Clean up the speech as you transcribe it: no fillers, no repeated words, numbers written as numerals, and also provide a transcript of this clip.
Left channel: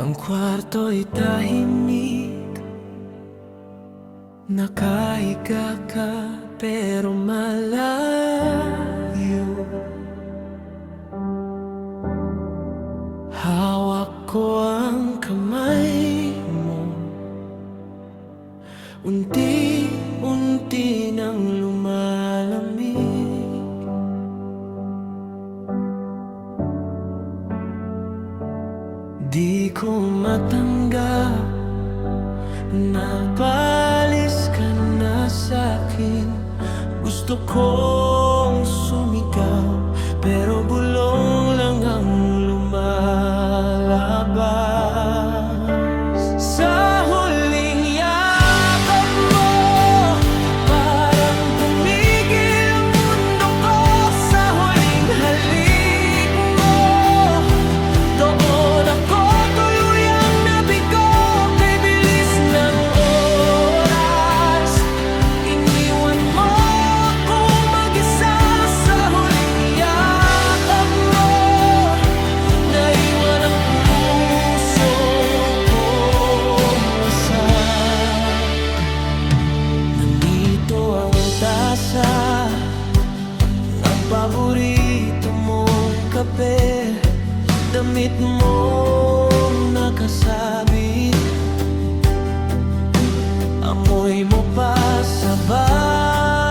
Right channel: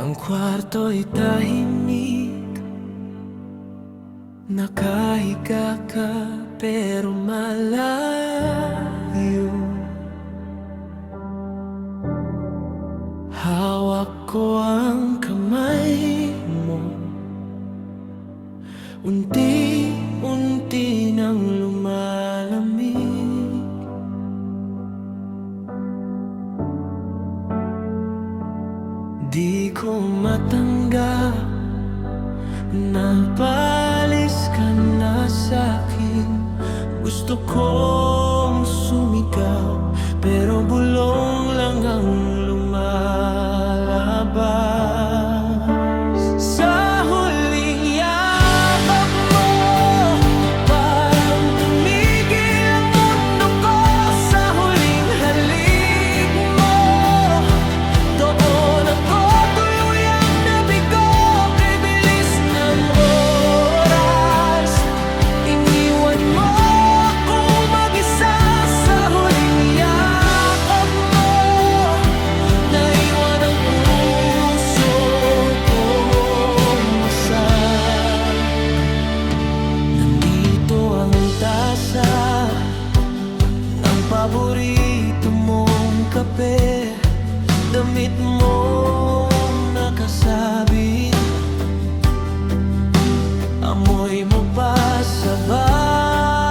Ang kwarto'y tahimik, nakahiga ka pero malayo. Hawak ko ang kamay mo, unti-unti nang lumalamig. Di ko matanggap na paalis ka na sa'kin. Gusto kong sumigaw, pero bulong lang ang lumalabas. Sa huling yakap mo, parang tumigil ang mundo ko. Sa huling halik mo, doon ako tuluyang nabigo. Kay bilis ng oras, iniwan mo akong mag-isa. Sa huling yakap mo, naiwan ang puso kong wasak. Nandito ang tasa ng paborito mong kape, damit mong nakasabit, amoy mo pa sa bahay.